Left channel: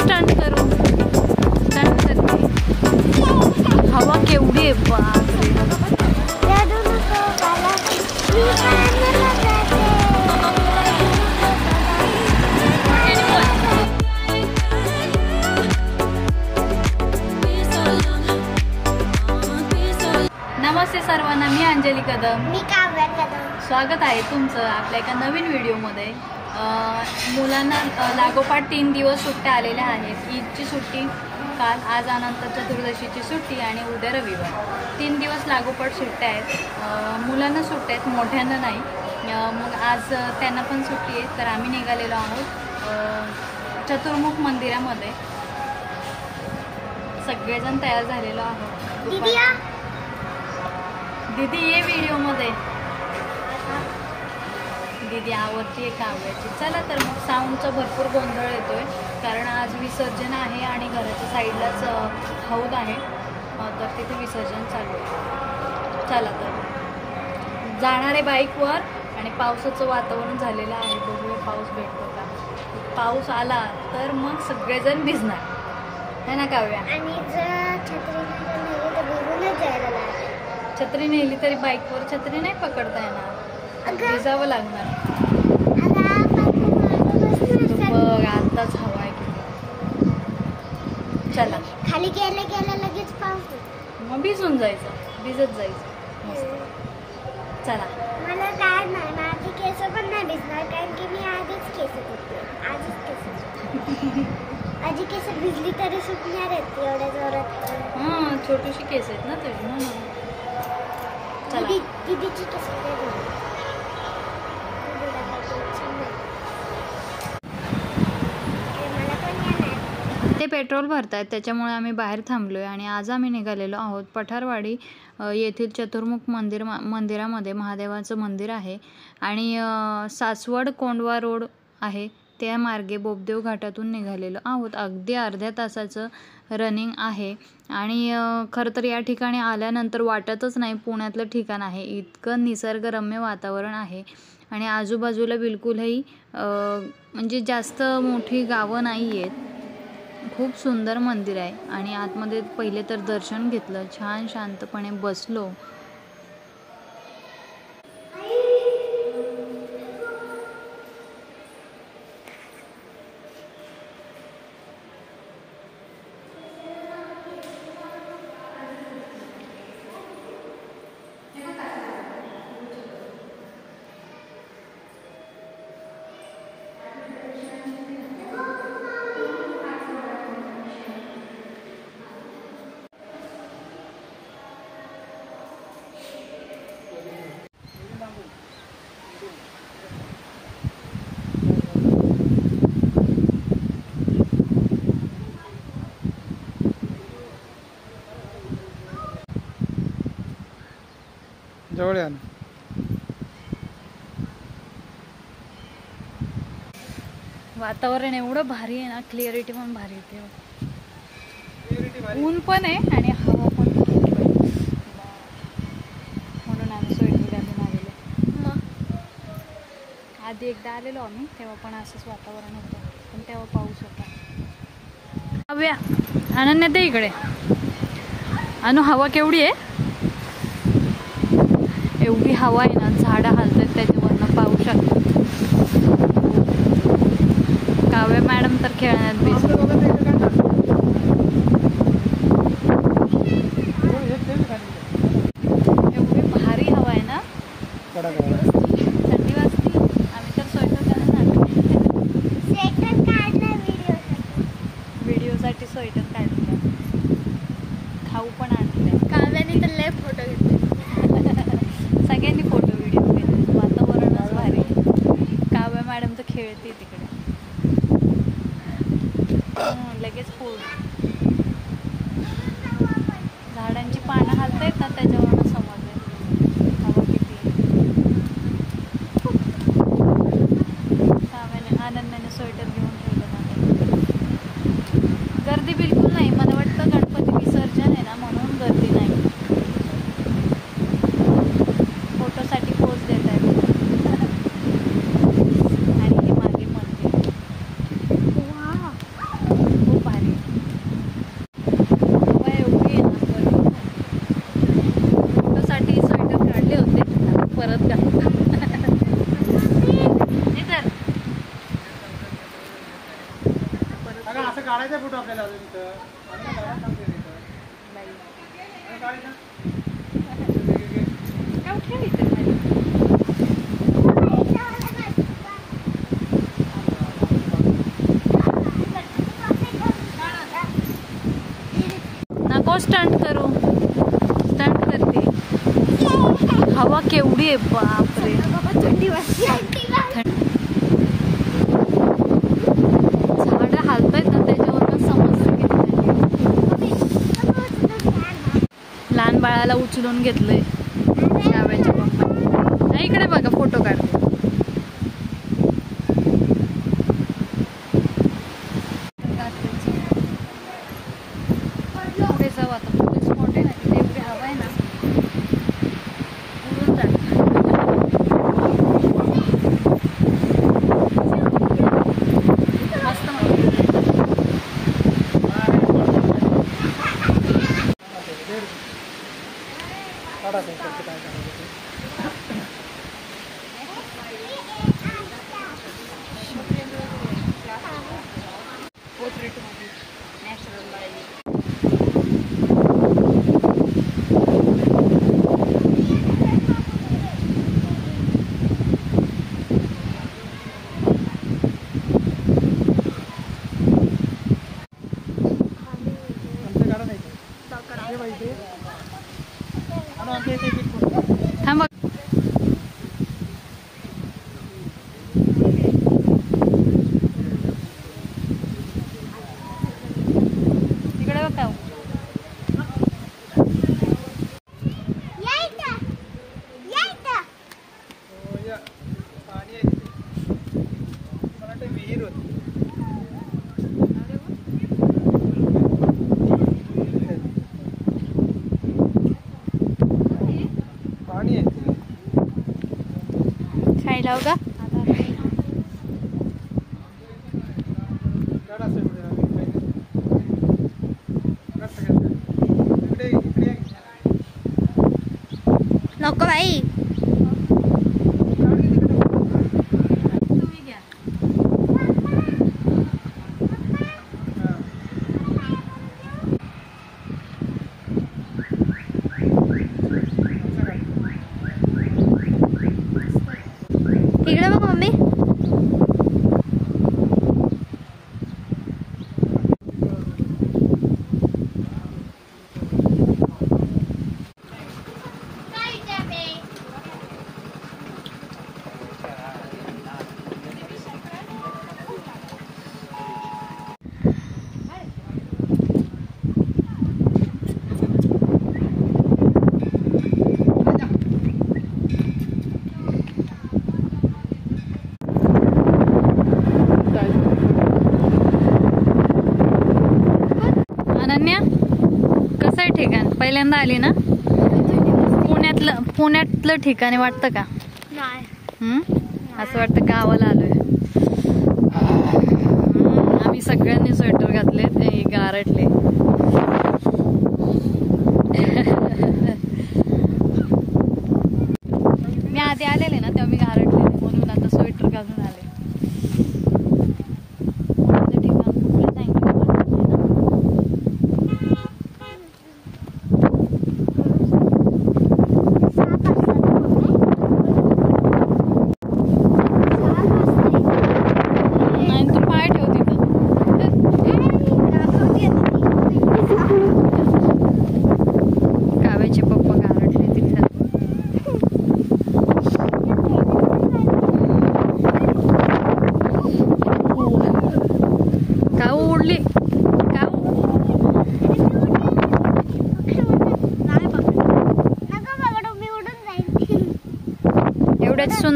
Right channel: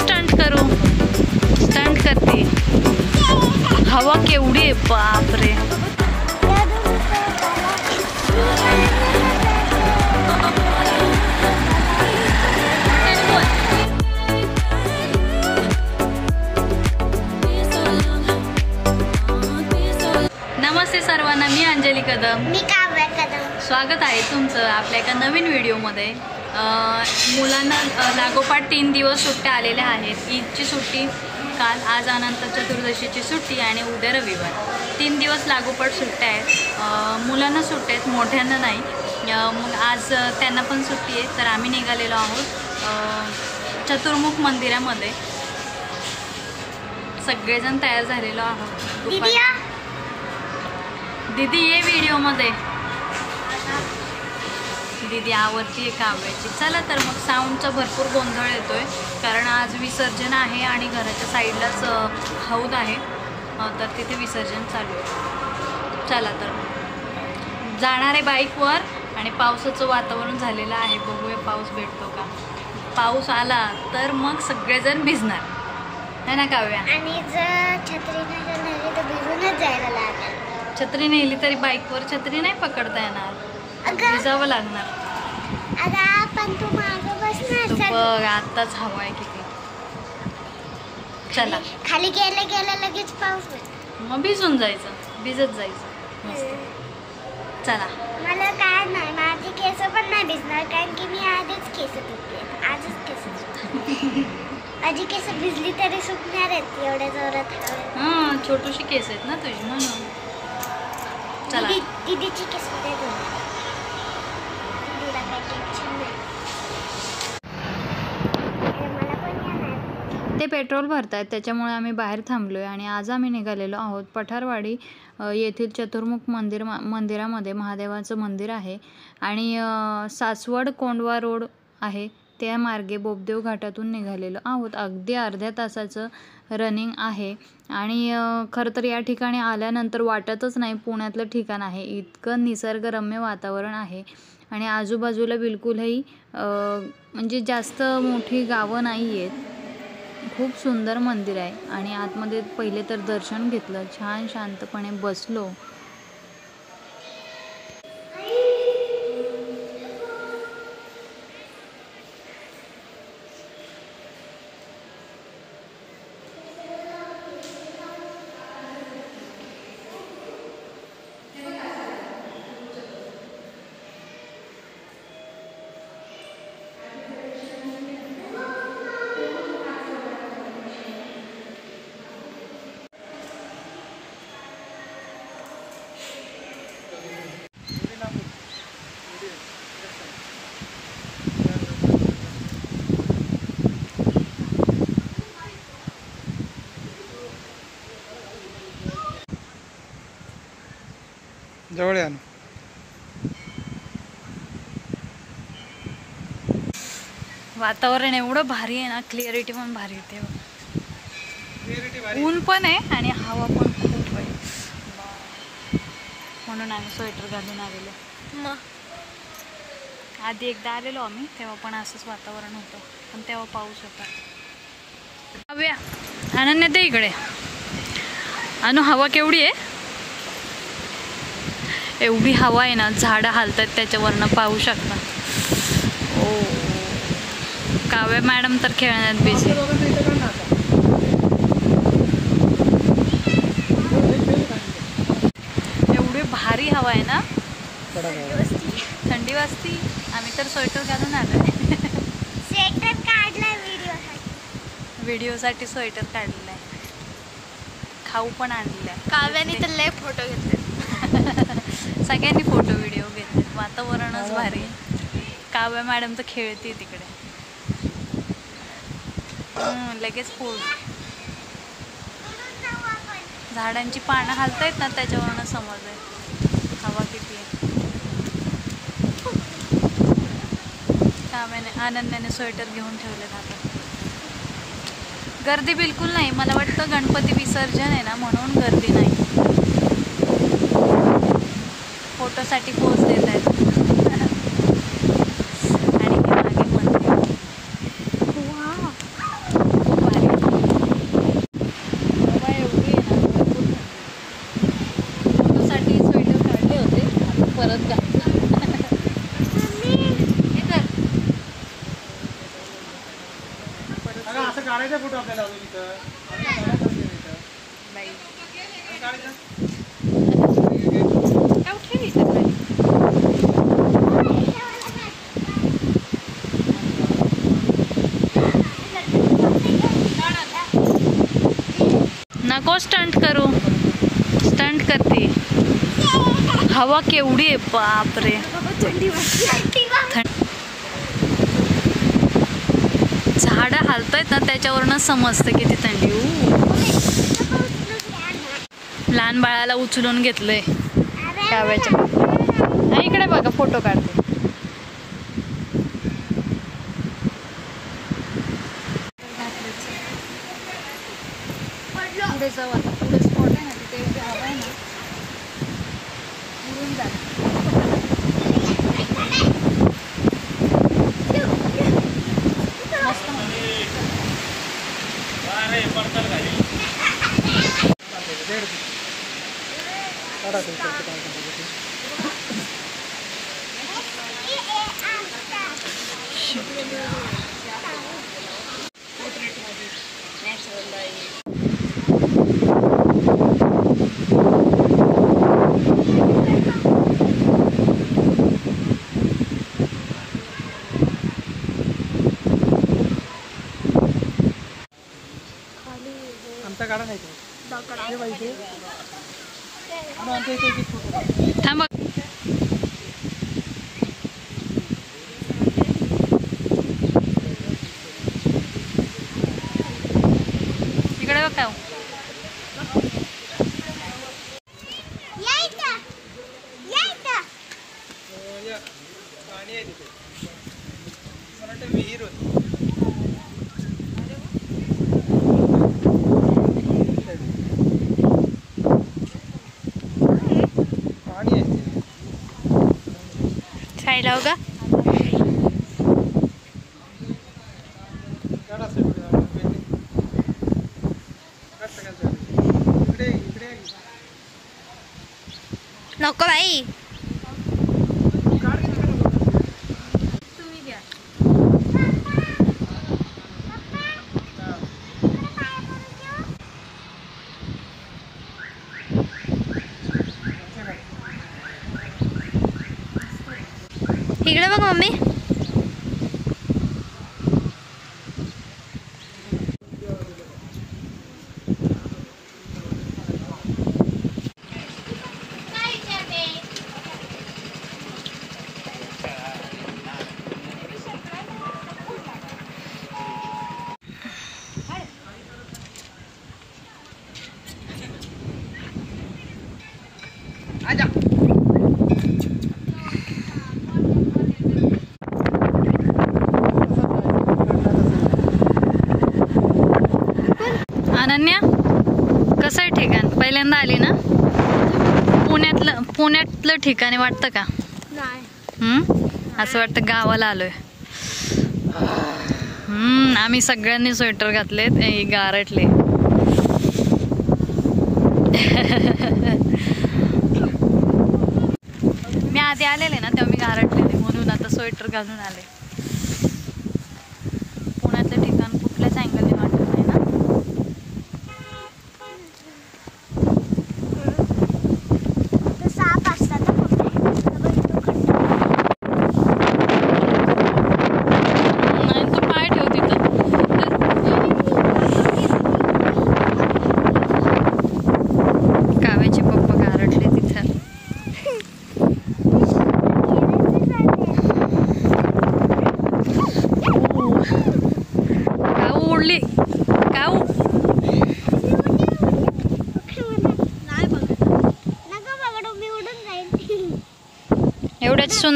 Stunt करू, stunt करते। हवा केवढी आहे बापरे। नमस्ते सर्वांना, मी अंजली कदम, मी काव्या कदम। स्वागत आहे तुमचं आपल्या एका नवीन व्हिडिओमध्ये। मुलांना लागोपाठ 3 दिवस सुट्ट्या आलेल्या आहेत। ईदची सुट्टी काल, आज अनंत चतुर्दशीची सुट्टी आणि उद्या रविवार। 3 दिवस लागोपाठ सुट्ट्या आहेत। मुलांना सुट्ट्या आहेत, मोठ्यांना नाही। मग आज त्यांना पण सुट्टी आहे, तर आम्ही निघालेलो आहोत चतुर्मुख मंदिरामध्ये। सगळेजण तयार झालेलो आहोत। दीदी ये व्हिडिओमध्ये, दीदी आवडती आहे काव्याची। चला तर मग साऊंडचा भरपूर गोंधळ येतोय, कारण आज विसर्जन आहे आणि घराच्या साईडलाच हौद आहे, तर तिथे विसर्जन चालू आहे। चला तर जाणार आहे बाईकवर आणि पावसाचं वातावरण झालेलं आहे, बघूया पाऊस भेटतो का। पाऊस आला तर मग सगळेजण भिजणार है ना काव्या। आणि जर छत्री नाही तर भिजूनच जायला लागेल। छत्री नेली तरी बाईकवर छत्री नाही पकडता येणार, भिजावं लागणार। बघ आताच हवा आहे किती। चला खाली गेल्या गेल्या लगेच पाऊस पडतो, मग भिजून जायचं, भिजत जायचं मस्त। चला मला काय नाही, माझे केस पण नाही भिजणार, कारण की मी आधीच केस धुतले, आजच केस माझी केस भिजली तरी सुकणार आहेत एवढ्या जोरात। हां छोटूशी केस आहेत ना तुझी म्हणून। चला दीदीची केस दे दो, दीदीला काय टेन्शन नाही। मला पण येणार, ते पेट्रोल भरतायत त्याच्यामुळे आम्ही बाहेर थांबलोय आणि आज आम्ही निघालेलो आहोत पठारवाडी येथील चतुर्मुख मंदिरामध्ये। महादेवाचं मंदिर आहे आणि सासवड कोंडवा रोड आहे त्या मार्गे बोबदेव घाटातून निघालेलो आहोत। अगदी अर्ध्या तासाचं रनिंग आहे आणि खरं तर या ठिकाणी आल्यानंतर वाटतच नाही पुण्यातलं ठिकाण आहे, इतकं निसर्गरम्य वातावरण आहे आणि आजूबाजूला बिलकुलही म्हणजे जास्त मोठी गावं नाही आहेत। खूप सुंदर मंदिर आहे आणि आतमध्ये पहिले तर दर्शन घेतलं, छान शांतपणे बसलो। जवळ या ना। वातावरण एवढं भारी आहे ना, क्लिअरिटी पण भारी येते, ऊन पण आहे आणि हवा पण खूप आहे, म्हणून आम्ही स्वेटर घालून आलेलो। मग आधी एकदा आलेलो आम्ही, तेव्हा पण असंच वातावरण होतं, पण तेव्हा पाऊस होता। हव्या अनन्या ते इकडे, अनु हवा केवढी आहे, एवढी हवा आहे ना, झाडं हालतात त्याच्यावरनं पाहू शकता। काव्या मॅडम तर खेळण्यात बिझी। एवढी भारी हवा आहे ना, थंडी वाजती, आम्ही तर स्वेटर घालून आलो। स्वेटर काढलाय व्हिडिओसाठी स्वेटर काढलेलं आहे, खाऊ पण आणलेलं आहे। काव्याने तर लय फोटो घेतले, सगळ्यांनी फोटो व्हिडिओ घेतले, वातावरणच भारी। काव्या मॅडम तर खेळते तिकडे, लगेच पोळ। झाडांची पानं हालतायत ना, त्याच्यावरनं समजलंय हवा किती आहे। अनन्याने स्वेटर घेऊन ठेवले आता. गर्दी बिलकुल नाही. मला वाटतं गणपती विसर्जन आहे ना म्हणून गर्दी नाही. फोटोसाठी पोज देत आहेत. आणि हे मागे मंदिर खूप भारी. एवढी आहे ना. फोटोसाठी स्वेटर काढले होते परत घातलं. हे कर असं काढायचं फोटो आपल्याला अजून इथं बाई. नको स्टंट करू. स्टंट करते. हवा केवढी आहे बापरे. झाडं हालतायत ना त्याच्यावरनं समजतं किती थंडी. लहान बाळाला उचलून घेतलंय शाव्याच्या पप्पा. इकडे बघा फोटो काढते. पुढे जाऊ आता. पुढे स्पॉट आहे ना तिथे हवा आहे ना उडून जात. मस्त थांब. इकडे बघ. खायला होगा. नको बाई. इकडे बघ मम्मी. अनन्या कसं आहे ठिकाण? पहिल्यांदा आली ना? पुण्यातलं ठिकाण वाटतं का? असं वाटतं गावाला आलोय. आम्ही सगळ्यांनी स्वेटर घातले, गारटले. मी आधी आलेले ना तेव्हा मी गारटले म्हणून आता स्वेटर घालून आले. पुण्यातलं ठिकाण कुठल्याच अँगल वाटत नाही ना.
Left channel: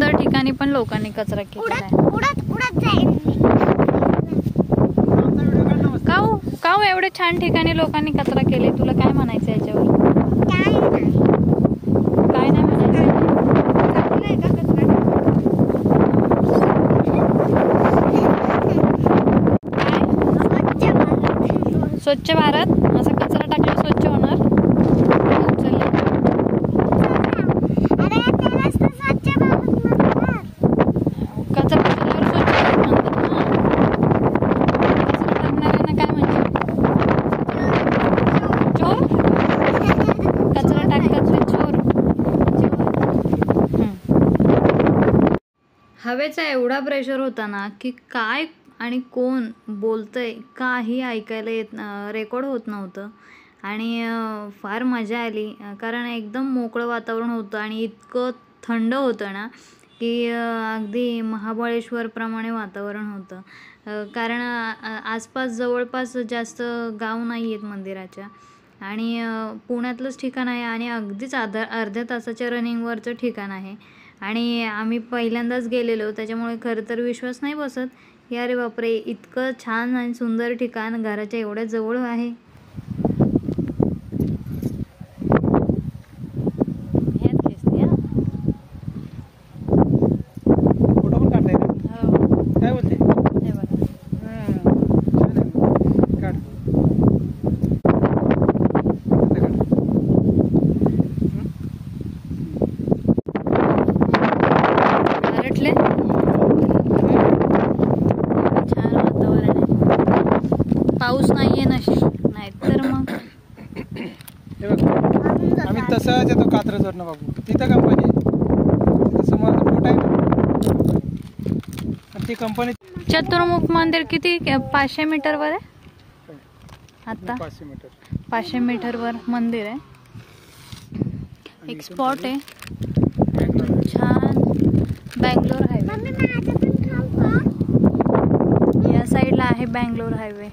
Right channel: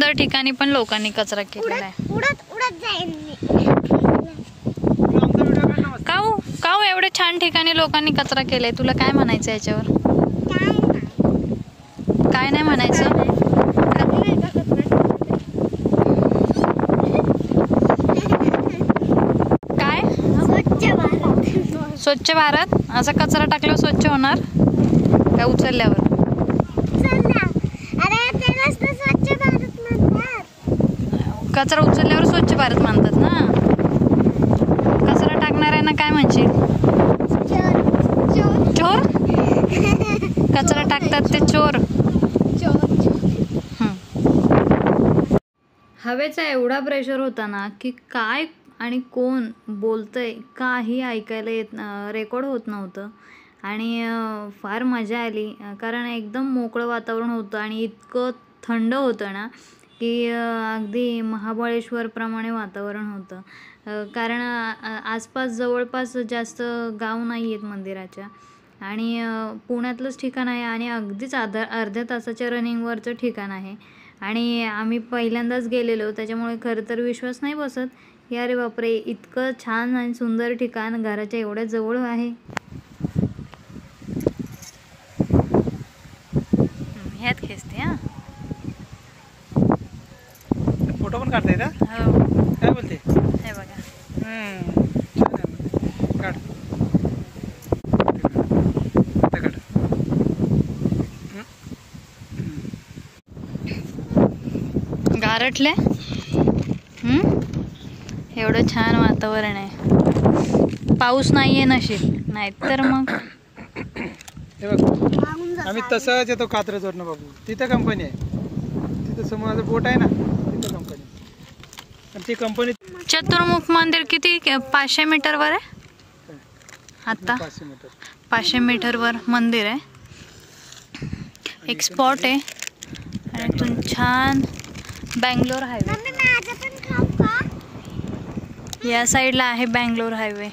सुंदर ठिकाणी पण लोकांनी कचरा केलेला आहे. उडत जाईल मी. काऊ एवढे छान ठिकाणी लोकांनी कचरा केलाय, तुला काय म्हणायचं याच्यावर? काय नाही म्हणायचं? काय स्वच्छ भारत? असा कचरा टाकल्यावर स्वच्छ होणार का उचलल्यावर? कचरा उचलल्यावर स्वच्छ भारत म्हणतात ना. कचरा टाकणाऱ्यांना काय म्हणशील? चोर? कचरा टाकतात ते चोर. हवेचा एवढा प्रेशर होता ना की काय आणि कोण बोलतंय काही ऐकायला येत, रेकॉर्ड होत नव्हतं. आणि फार मजा आली कारण एकदम मोकळं वातावरण होतं आणि इतकं थंड होतं ना की अगदी महाबळेश्वरप्रमाणे वातावरण होतं. कारण आसपास जवळपास जास्त गाव नाही आहेत मंदिराच्या आणि पुण्यातलंच ठिकाण आहे आणि अगदीच अर्ध्या तासाच्या रनिंगवरचं ठिकाण आहे. आणि आम्ही पहिल्यांदाच गेलेलो त्याच्यामुळे खरं तर विश्वास नाही बसत की अरे बापरे इतकं छान आणि सुंदर ठिकाण घराच्या एवढ्या जवळ आहे. ह्यात खेचते हा. फोटो पण काढताय ना? हो. काय बोलते? हे बघा. काढ. गारटले. एवढं छान वातावरण आहे. पाऊस नाहीये नशीब, नाहीतर मग हे बघ आम्ही तसंच येतो कात्रजवरनं बाबू. तिथे कंपनी आहे, तिथं समोर बोट आहे ना, पण ती कंपनी. चतुर्मुख मंदिर किती 500 मीटरवर आहे आता? 500 मीटर. 500 मीटरवर मंदिर आहे. एक स्पॉट आहे. इथून छान बँगलोर हायवे. या साईडला आहे बँगलोर हायवे.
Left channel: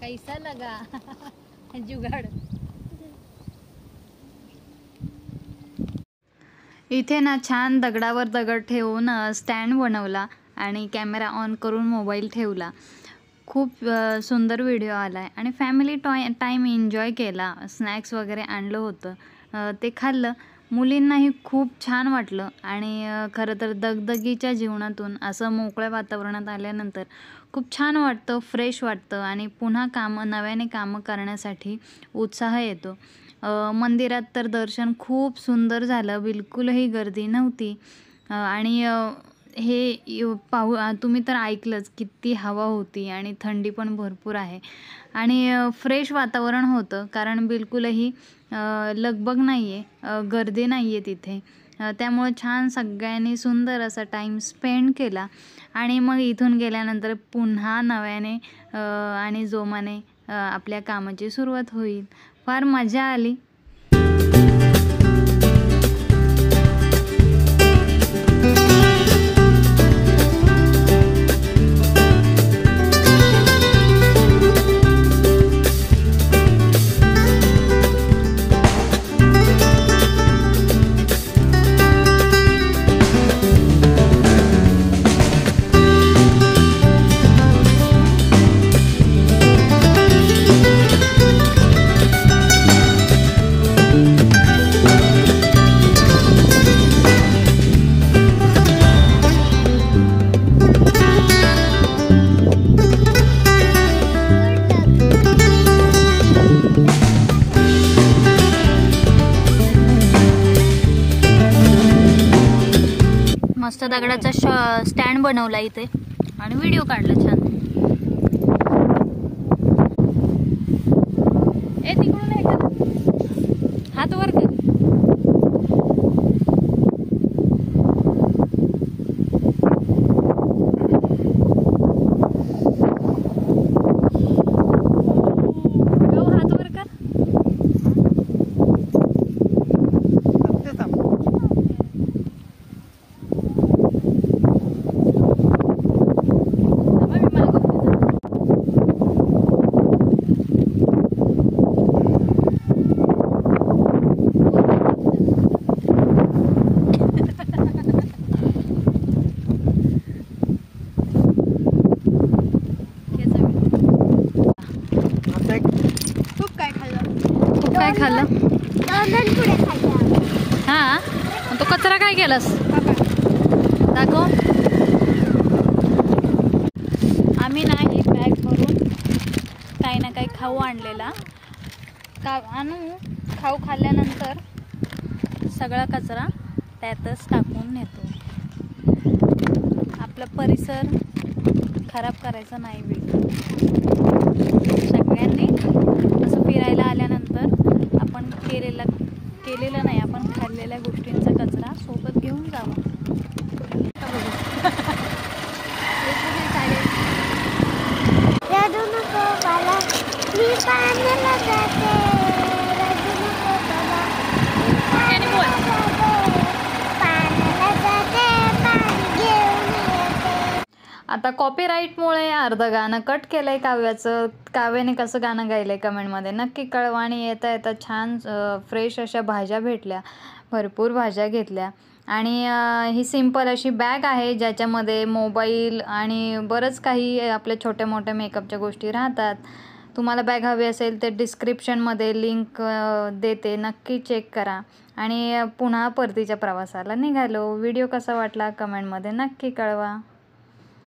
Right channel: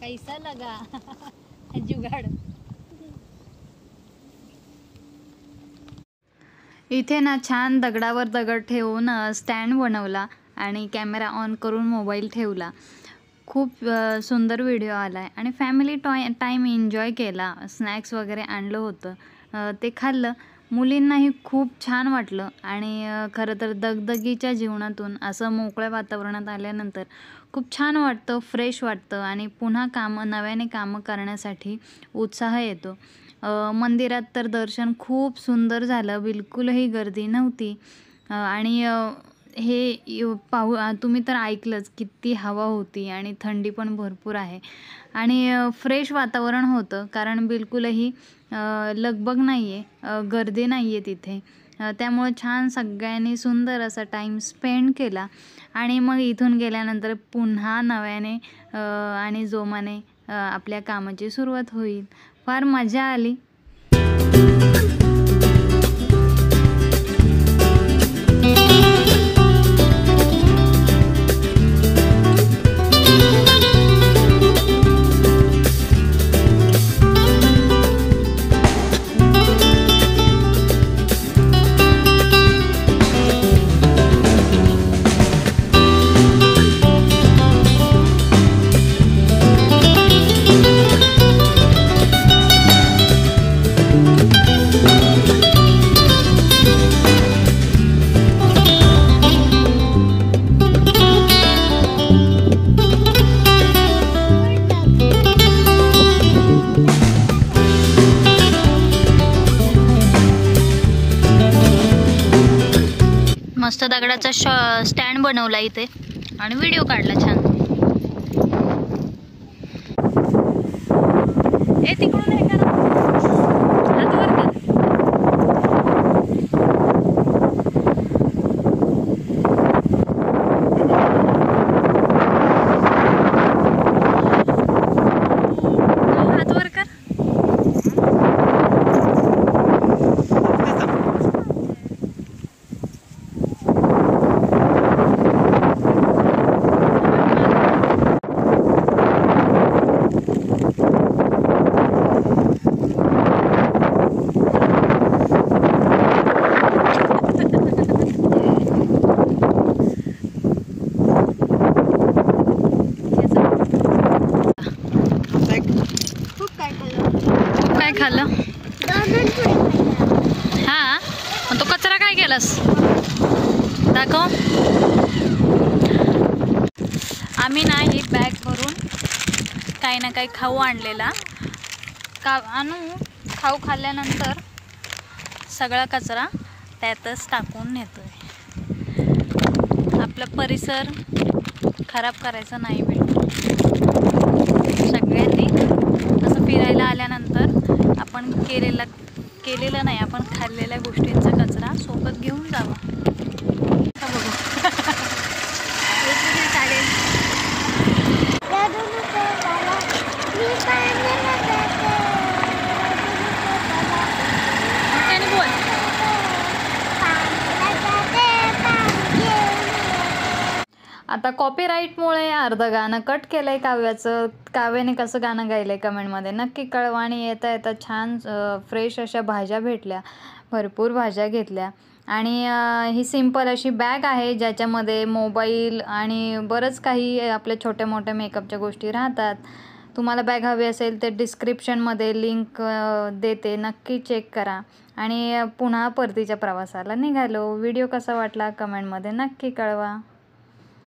कैसा लगा जुगाड. इथे ना छान दगडावर दगड ठेवून स्टँड बनवला आणि कॅमेरा ऑन करून मोबाईल ठेवला. खूप सुंदर व्हिडिओ आला आहे आणि फॅमिली टाईम एन्जॉय केला. स्नॅक्स वगैरे आणलं होतं ते खाल्लं. मुलींनाही खूप छान वाटलं आणि खरं तर दगदगीच्या जीवनातून असं मोकळ्या वातावरणात आल्यानंतर खूप छान वाटतं, फ्रेश वाटतं आणि पुन्हा नव्याने कामं करण्यासाठी उत्साह येतो. मंदिरात तर दर्शन खूप सुंदर झालं, बिलकुलही गर्दी नव्हती. आणि हे तुम्ही तर ऐकलंच किती हवा होती आणि थंडी पण भरपूर आहे आणि फ्रेश वातावरण होतं कारण बिलकुलही लगबग नाही आहे, गर्दी नाही आहे तिथे. त्यामुळे छान सगळ्यांनी सुंदर असा टाईम स्पेंड केला आणि मग इथून गेल्यानंतर पुन्हा नव्याने आणि जोमाने आपल्या कामाची सुरुवात होईल. फार मजा आली. मस्त दगडाचा स्टँड बनवला इथे आणि व्हिडिओ काढला छान. तिकडून हे करा, हात वर कर. हात वर कर. खाल्लं? 2 पुढे खाल्लं. हां, मग तो कचरा काय केलास? दाखव. आम्ही ना ही बॅग भरून काही ना काही खाऊ आणलेला. खाऊ खाल्ल्यानंतर सगळा कचरा त्यातच टाकून नेतोय. आपला परिसर खराब करायचा नाही बिलकुल. सगळ्यांनी असं फिरायला आल्यानंतर आपण केलेलं नाही, आपण खाल्लेल्या गोष्टींचा कचरा सोबत घेऊन जावा. रडू नको बाळा, मी पाण्याला जाते. त्याने बोल. पाण्याला जाते, पाणी घेऊन येते. आता कॉपीराईटमुळे अर्धं गाणं कट केलंय काव्याचं. काव्याने कसं गाणं गायलंय कमेंटमध्ये नक्की कळवा. आणि येता येता छान फ्रेश अशा भाज्या भेटल्या, भरपूर भाज्या घेतल्या. आणि ही सिंपल अशी बॅग आहे ज्याच्यामध्ये मोबाईल आणि बरंच काही आपल्या छोट्या मोठ्या मेकअपच्या गोष्टी राहतात. तुम्हाला बॅग हवी असेल तर डिस्क्रिप्शनमध्ये लिंक देते, नक्की चेक करा. आणि पुन्हा परतीच्या प्रवासाला निघालो. व्हिडिओ कसा वाटला कमेंटमध्ये नक्की कळवा.